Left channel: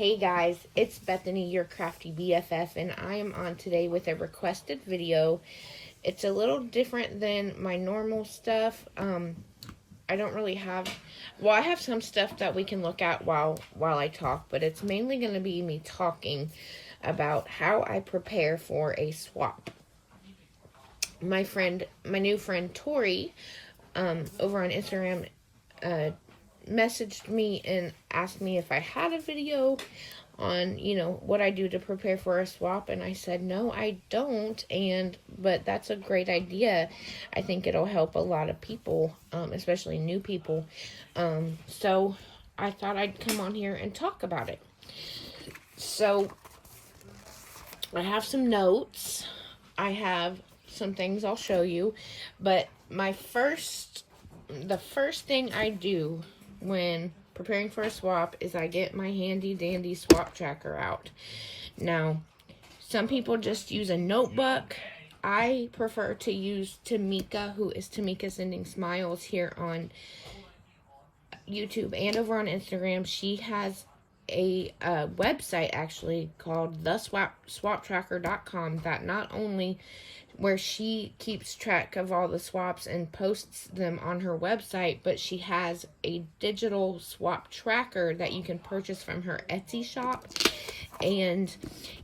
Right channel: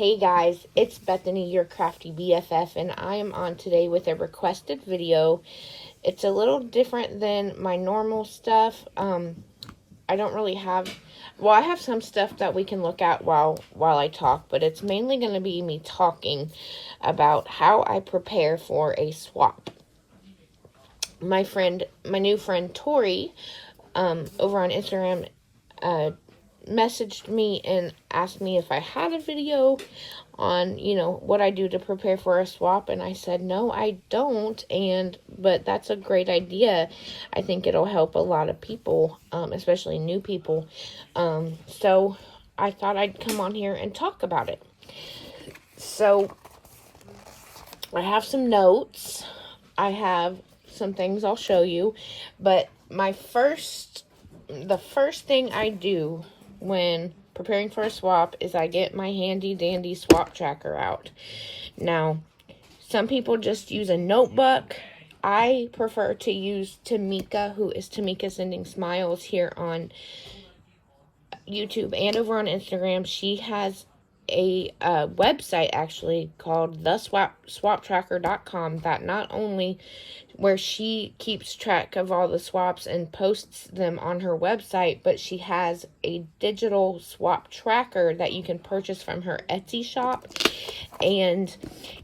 Hey guys, it's Bethany, your crafty BFF, and I am on today with a requested video. It's a little different than my normal stuff. I don't really have, well, I have some stuff that we can look at while I talk, but it's mainly going to be me talking about how I prepare for a swap. My new friend Tori, over on Instagram, messaged me and asked me if I had a video on, what I do to prepare for a swap, and I said, no, I don't, but that's a great idea. I think it'll help a lot of people, especially new people, so I thought I'd come on here and talk about it. So, I have some notes, I have some things I'll show you, but the first thing I do when preparing for a swap is I get my handy dandy swap tracker out. Now, some people just use a notebook. I prefer to use Tamika, who is Tamika Sending Smiles here on YouTube and over on Instagram. She has a website actually called theswaptracker.com that not only where she keeps track of all the swaps and posts them on her website, but she has a digital swap tracker that you can purchase from her Etsy shop, and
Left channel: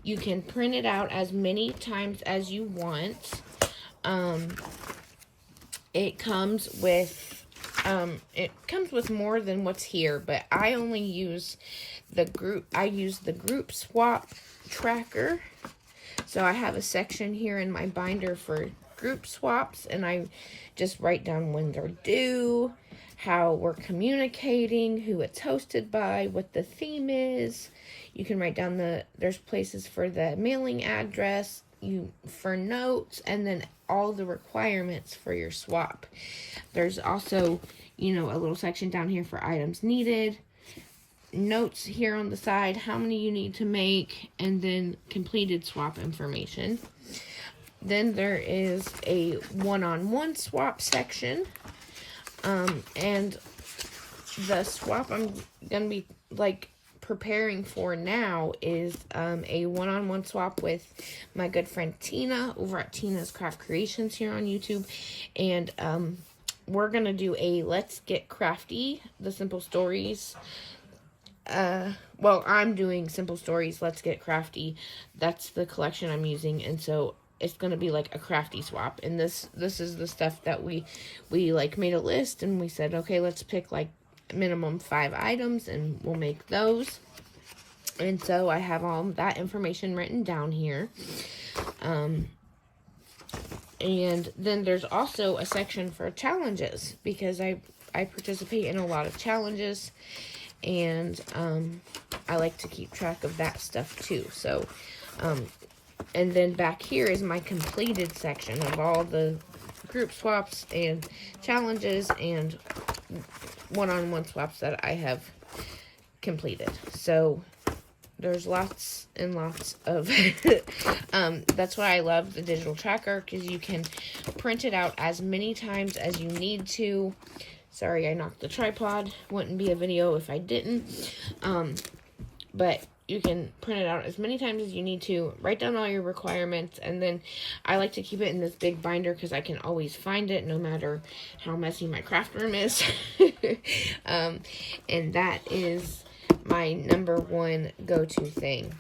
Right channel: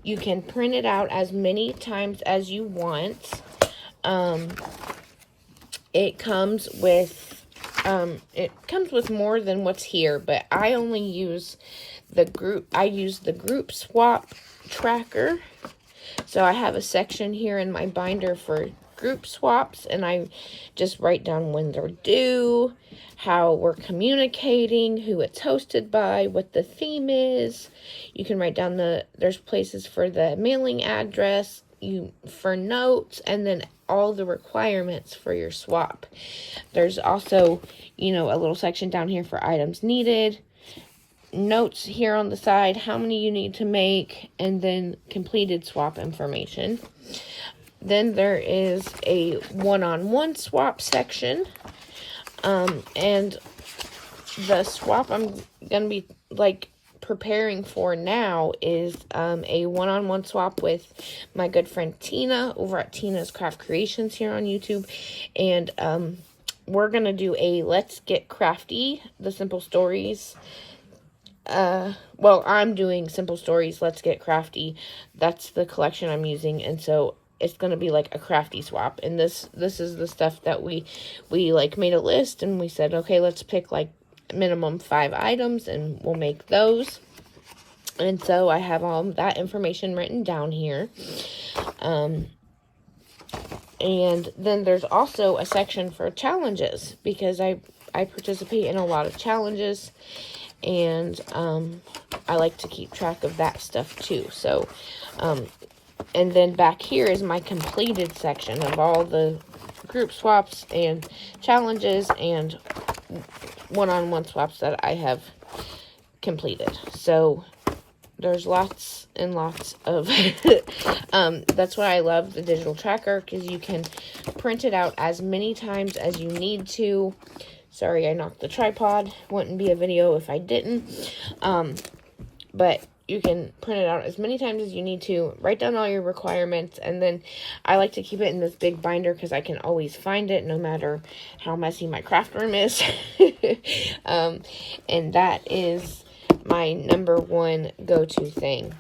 you can print it out as many times as you want. It comes with more than what's here, but I only use the group swap tracker. So I have a section here in my binder for group swaps, and I just write down when they're due, how we're communicating, who it's hosted by, what the theme is. You can write down there's places for the mailing address, for notes, and then all the requirements for your swap. There's also, a little section down here for items needed, notes here on the side, how many you need to make, and then completed swap information. Then there is a one-on-one swap section, and the swap I'm gonna be preparing for now is a one-on-one swap with my good friend Tina over at Tina's Craft Creations here on YouTube, and we're gonna do a Let's Get Crafty, the Simple Stories. Well, I'm doing Simple Stories, Let's Get Crafty. That's the collection I'm using, and so it's going to be like a crafty swap. And this is the stuff that we made a list, and we said, okay, let's pick minimum 5 items, and we'll make those. And so I have all that information written down here. And then there's also a section for challenges, because I participate in a lot of challenges, and I like to keep track of that stuff too. So, and then back here is my completed section of all the group swaps and challenges and one-on-one swaps that I have completed. So there's lots and lots of that's why I love the digital tracker, because you can print it out as many times as you need to. Sorry, I knocked the tripod. Wouldn't be a video if I didn't. But you can print it out as many times as you need to. Write down all your requirements. And then I like to keep it in this big binder because I can always find it no matter how messy my craft room is. And that is my number one go-to thing.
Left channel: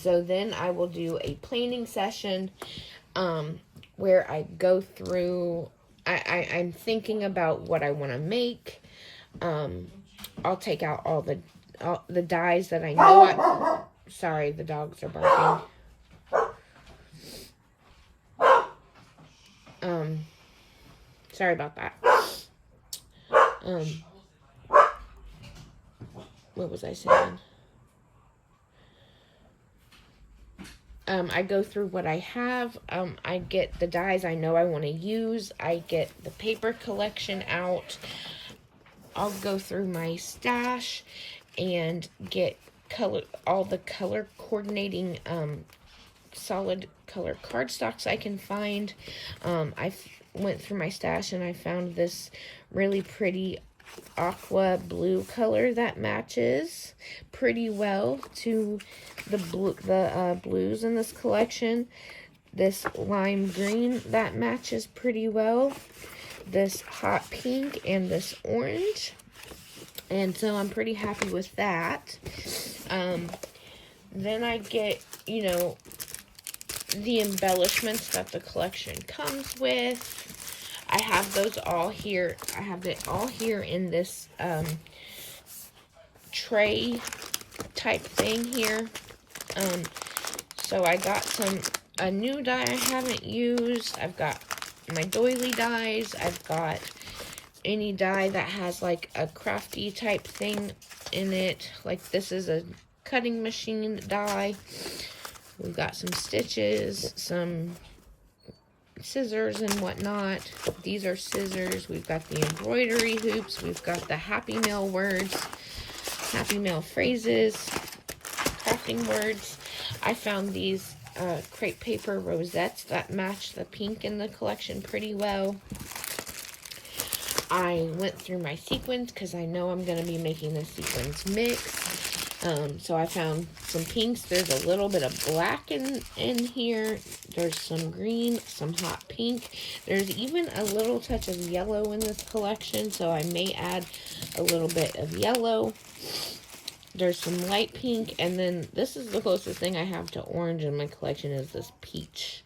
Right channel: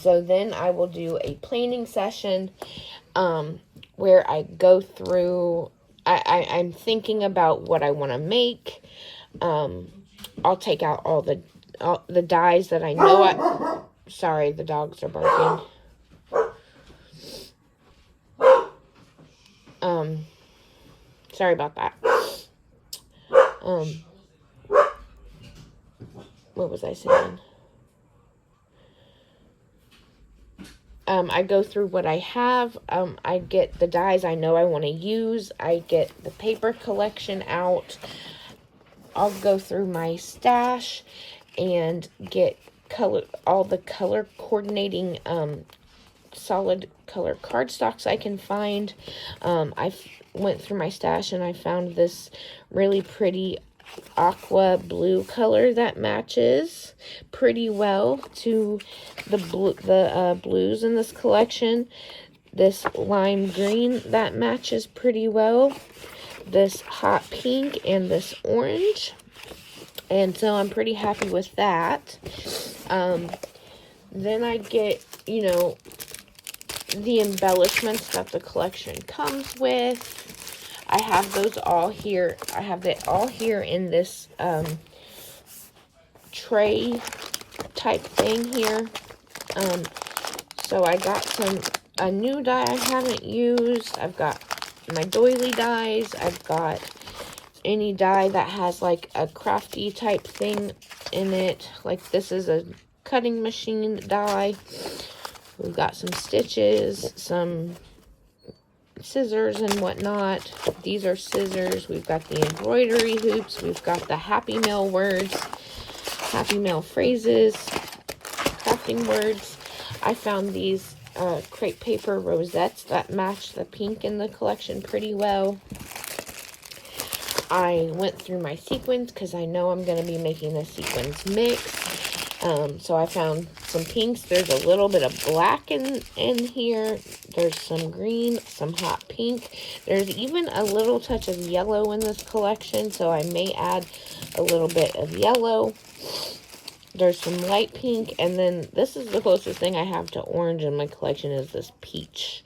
So then I will do a planing session where I go through... I'm thinking about what I want to make. I'll take out all the dyes that I know sorry, the dogs are barking. Sorry about that. What was I saying? I go through what I have. I get the dyes I know I want to use. I get the paper collection out. I'll go through my stash and get all the color coordinating solid color cardstocks I can find. I went through my stash and I found this really pretty aqua blue color that matches pretty well to the blues in this collection. This lime green that matches pretty well. This hot pink and this orange. And so I'm pretty happy with that. Then I get, you know, the embellishments that the collection comes with. I have those all here. I have it all here in this tray type thing here. So I got a new die I haven't used. I've got my doily dies. I've got any die that has like a crafty type thing in it. Like this is a cutting machine die. We've got some stitches, some scissors and whatnot. These are scissors. We've got the embroidery hoops. We've got the Happy Mail words, Happy Mail phrases, crafting words. I found these crepe paper rosettes that match the pink in the collection pretty well. I went through my sequins because I know I'm going to be making a sequins mix. So I found some pinks. There's a little bit of black in here. There's some green, some hot pink. There's even a little touch of yellow in this collection, so I may add a little bit of yellow. There's some light pink, and then this is the closest thing I have to orange in my collection is this peach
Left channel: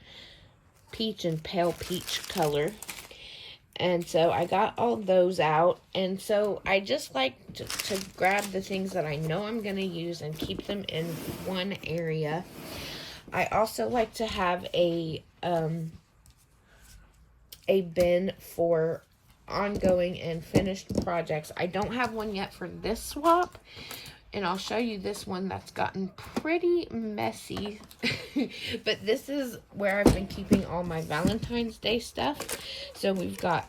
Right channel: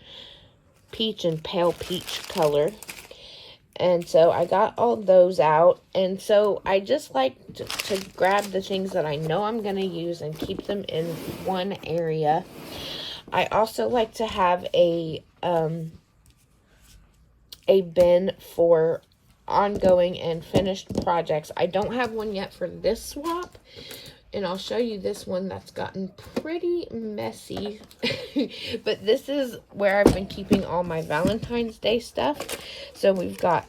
and pale peach color. And so I got all those out. And so I just like to grab the things that I know I'm going to use and keep them in one area. I also like to have a bin for ongoing and finished projects. I don't have one yet for this swap. And I'll show you this one that's gotten pretty messy. But this is where I've been keeping all my Valentine's Day stuff. So we've got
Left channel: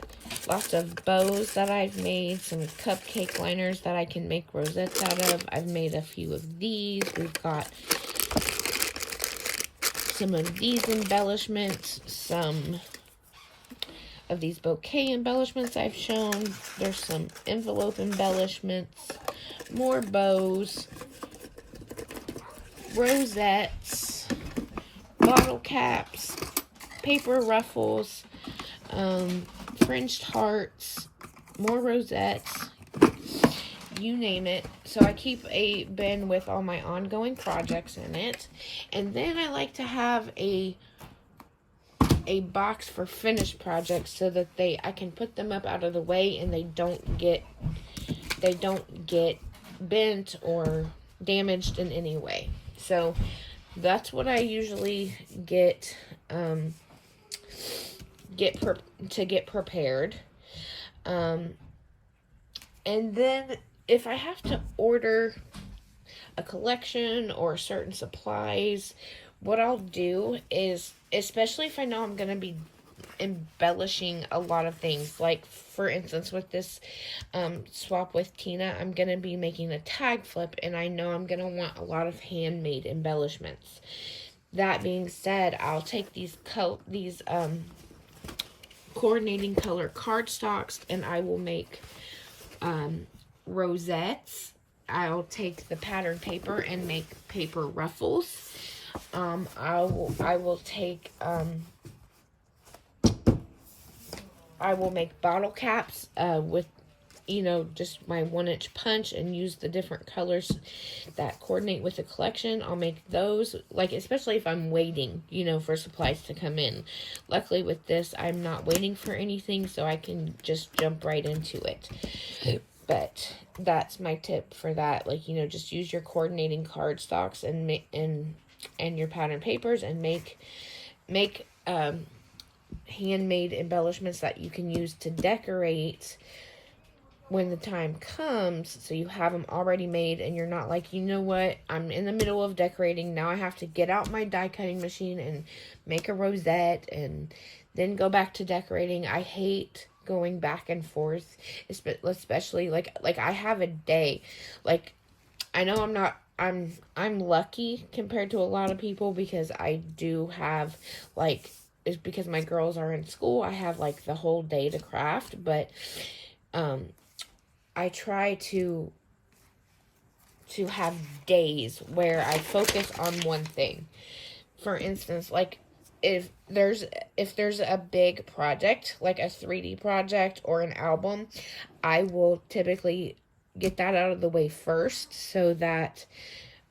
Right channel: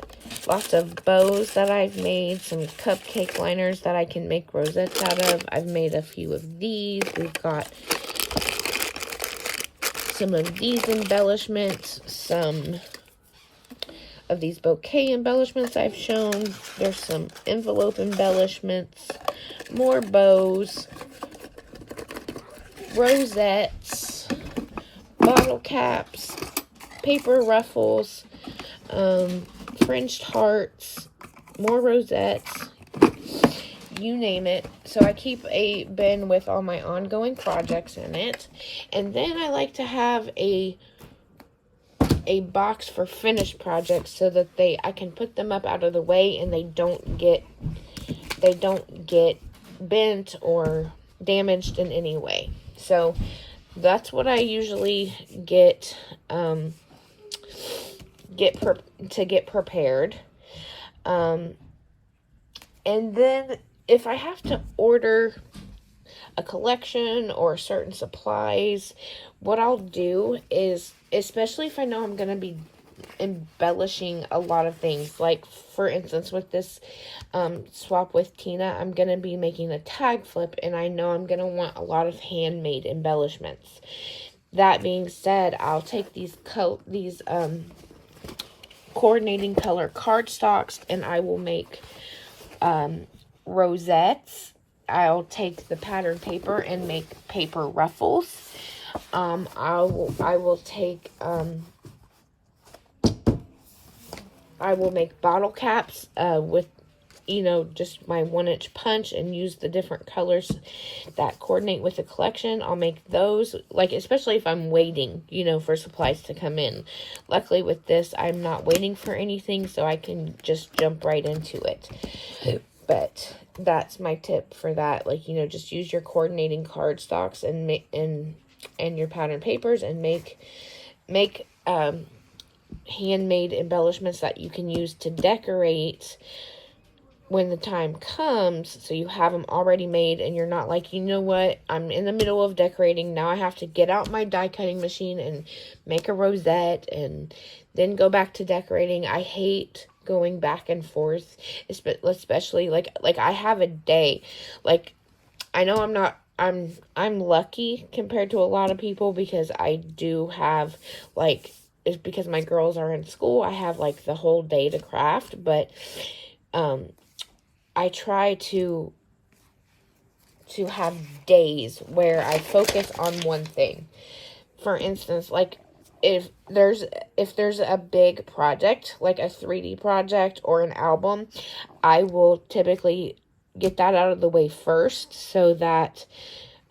lots of bows that I've made. Some cupcake liners that I can make rosettes out of. I've made a few of these. We've got some of these embellishments. Some of these bouquet embellishments I've shown. There's some envelope embellishments. More bows, rosettes, bottle caps, paper ruffles, fringed hearts, more rosettes, you name it. So I keep a bin with all my ongoing projects in it. And then I like to have a box for finished projects so that I can put them up out of the way and they don't get bent or damaged in any way. So that's what I usually get get prepared. And then if I have to order a collection or certain supplies, what I'll do is, especially if I know I'm going to be embellishing a lot of things, like for instance with this swap with Tina, I'm going to be making a tag flip and I know I'm going to want a lot of handmade embellishments. That being said, I'll take these coordinating color cardstocks and I will make rosettes. I'll take the pattern paper and make paper ruffles. I will make bottle caps with, you know, just my 1-inch punch and use the different colors that coordinate with the collection. I'll make those, like, especially if I'm waiting, you know, for supplies to come in. Luckily with this, I'm not waiting for anything, so I can just jump right into it. But that's my tip for that. Like, you know, just use your coordinating cardstocks and your pattern papers and make handmade embellishments that you can use to decorate when the time comes, so you have them already made and you're not like, you know what, I'm in the middle of decorating, now I have to get out my die cutting machine and make a rosette and then go back to decorating. I hate going back and forth, especially like I have a day, like, I know I'm lucky compared to a lot of people because I do have, like, it's because my girls are in school, I have like the whole day to craft, but I try to have days where I focus on one thing. For instance, like if there's a big project, like a 3D project or an album, I will typically get that out of the way first so that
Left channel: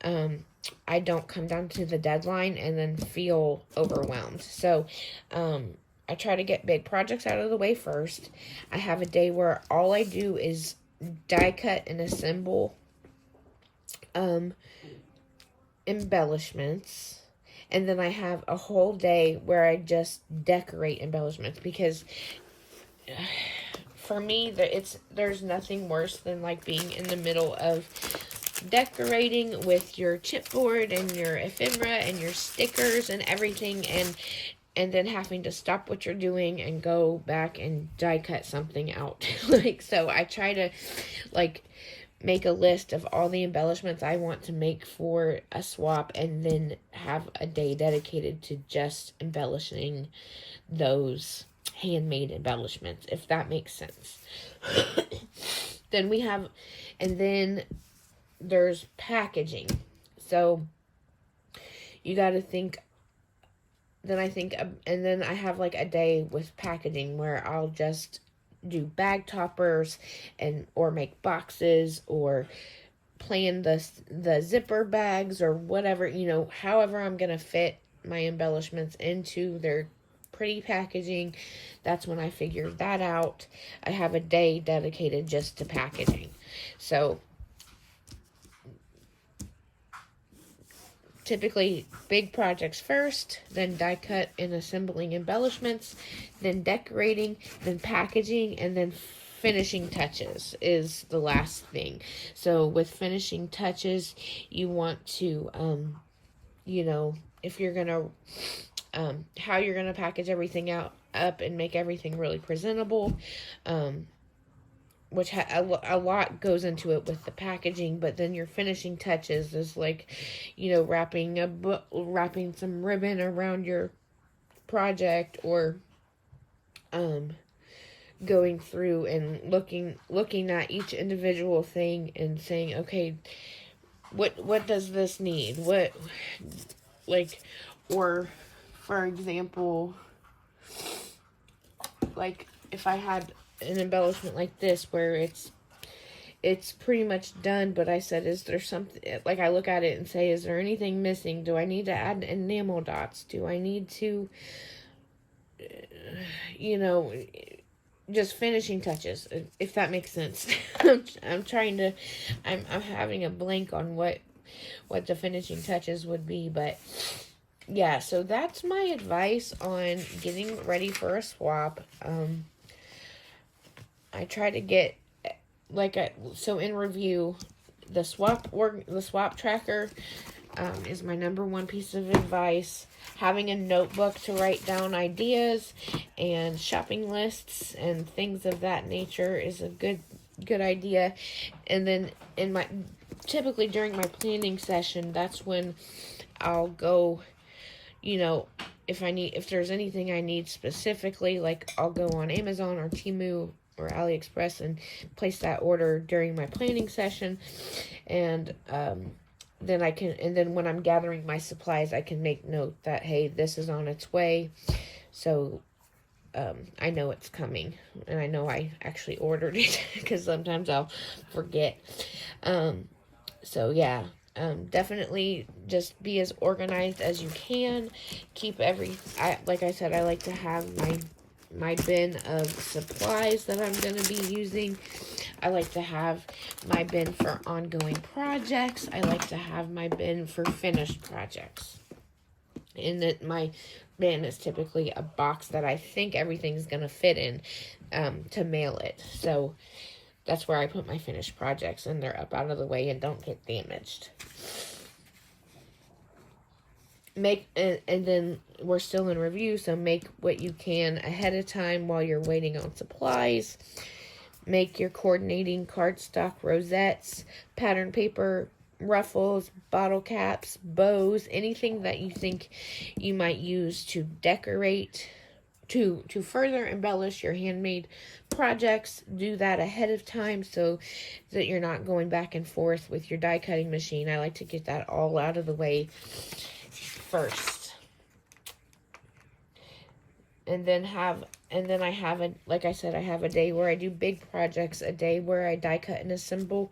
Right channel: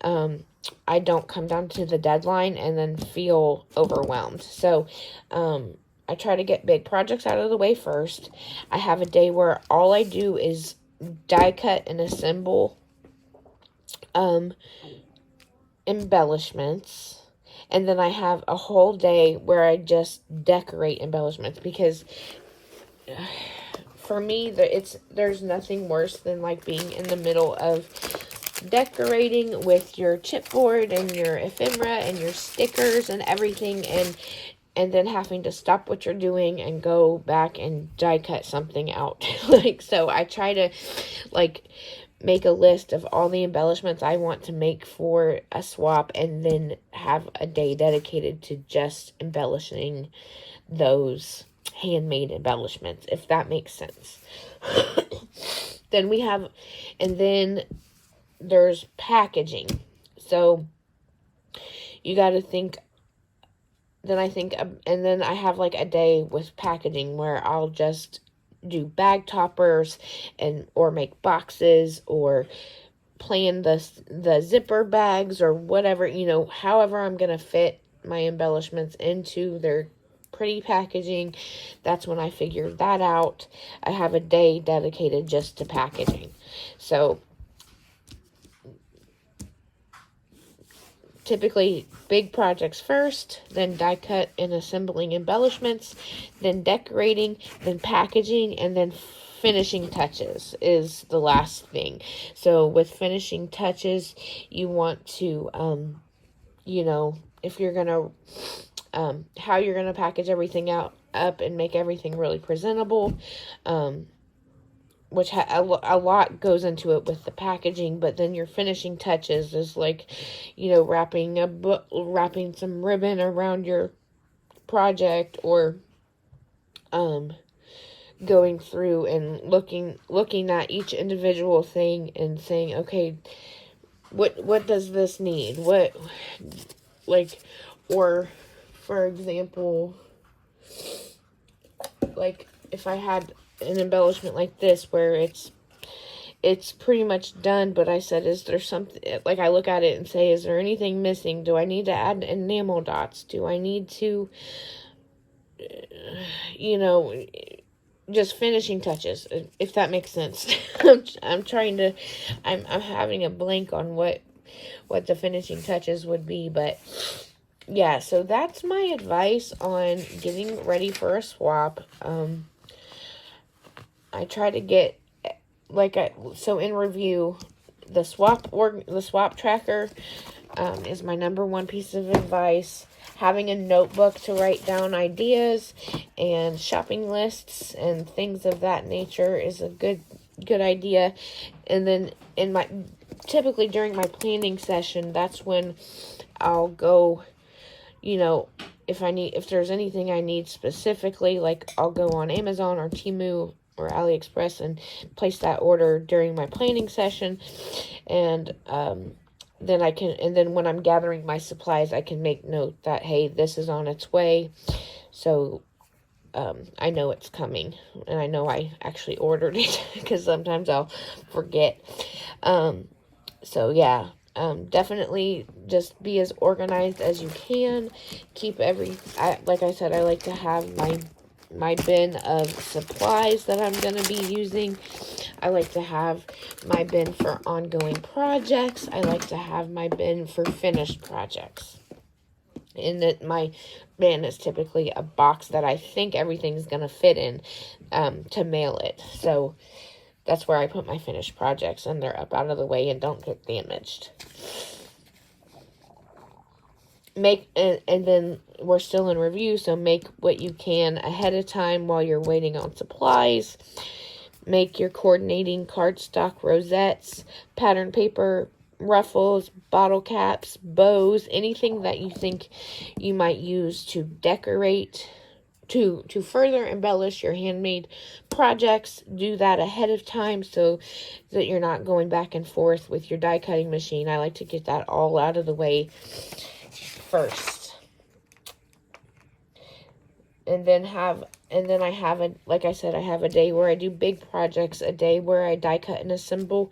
I don't come down to the deadline and then feel overwhelmed. So I try to get big projects out of the way first. I have a day where all I do is die cut and assemble embellishments. And then I have a whole day where I just decorate embellishments, because for me, there's nothing worse than like being in the middle of decorating with your chipboard and your ephemera and your stickers and everything, and then having to stop what you're doing and go back and die cut something out. Like, so I try to like make a list of all the embellishments I want to make for a swap, and then have a day dedicated to just embellishing those handmade embellishments, if that makes sense. Then there's packaging. So you got to think. And then I have like a day with packaging where I'll just do bag toppers or make boxes or plan the zipper bags or whatever, however I'm going to fit my embellishments into their pretty packaging. That's when I figured that out. I have a day dedicated just to packaging. So typically big projects first, then die cut and assembling embellishments, then decorating, then packaging, and then finishing touches is the last thing. So with finishing touches, you want to, if you're going to, how you're going to package everything up and make everything really presentable, which a lot goes into it with the packaging. But then your finishing touches is like, wrapping some ribbon around your project, or going through and looking at each individual thing and saying, okay, what does this need? Or for example, like if I had an embellishment like this where it's pretty much done, but I said, is there something, like I look at it and say, is there anything missing? Do I need to add enamel dots? Do I need to, just finishing touches, if that makes sense. I'm having a blank on what the finishing touches would be, but yeah, so that's my advice on getting ready for a swap. I try to get, so in review, the swap tracker is my number one piece of advice. Having a notebook to write down ideas and shopping lists and things of that nature is a good idea. And then typically during my planning session, that's when I'll go, if there's anything I need specifically, like I'll go on Amazon or Temu or AliExpress and place that order during my planning session. And then when I'm gathering my supplies, I can make note that, hey, this is on its way. So I know it's coming, and I know I actually ordered it, because sometimes I'll forget. So yeah, definitely just be as organized as you can. Like I said, I like to have my bin of supplies that I'm going to be using. I like to have my bin for ongoing projects. I like to have my bin for finished projects. And that my bin is typically a box that I think everything's going to fit in to mail it. So that's where I put my finished projects, and they're up out of the way and don't get damaged. And then we're still in review, so make what you can ahead of time while you're waiting on supplies. Make your coordinating cardstock rosettes, pattern paper, ruffles, bottle caps, bows, anything that you think you might use to decorate to further embellish your handmade projects, do that ahead of time so that you're not going back and forth with your die cutting machine. I like to get that all out of the way first. And then I have like I said, I have a day where I do big projects, a day where I die cut and assemble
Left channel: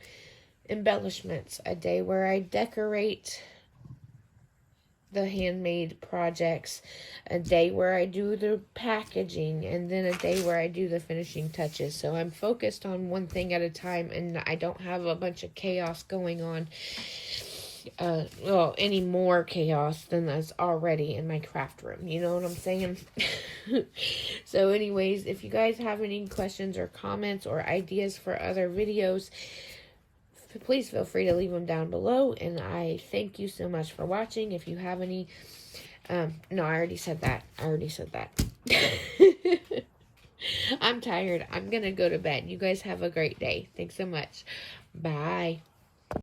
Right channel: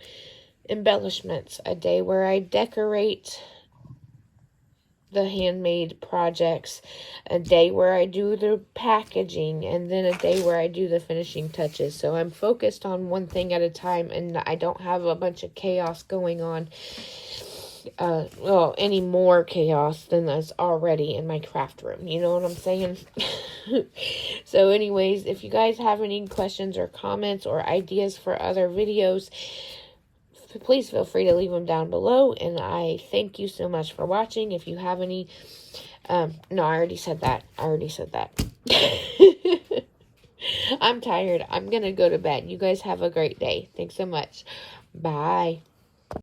embellishments, a day where I decorate the handmade projects, a day where I do the packaging, and then a day where I do the finishing touches. So I'm focused on one thing at a time, and I don't have a bunch of chaos going on. Well, any more chaos than that's already in my craft room. You know what I'm saying? So anyways, if you guys have any questions or comments or ideas for other videos, please feel free to leave them down below, and I thank you so much for watching. If you have any, no, I already said that. I'm tired. I'm gonna go to bed. You guys have a great day. Thanks so much. Bye.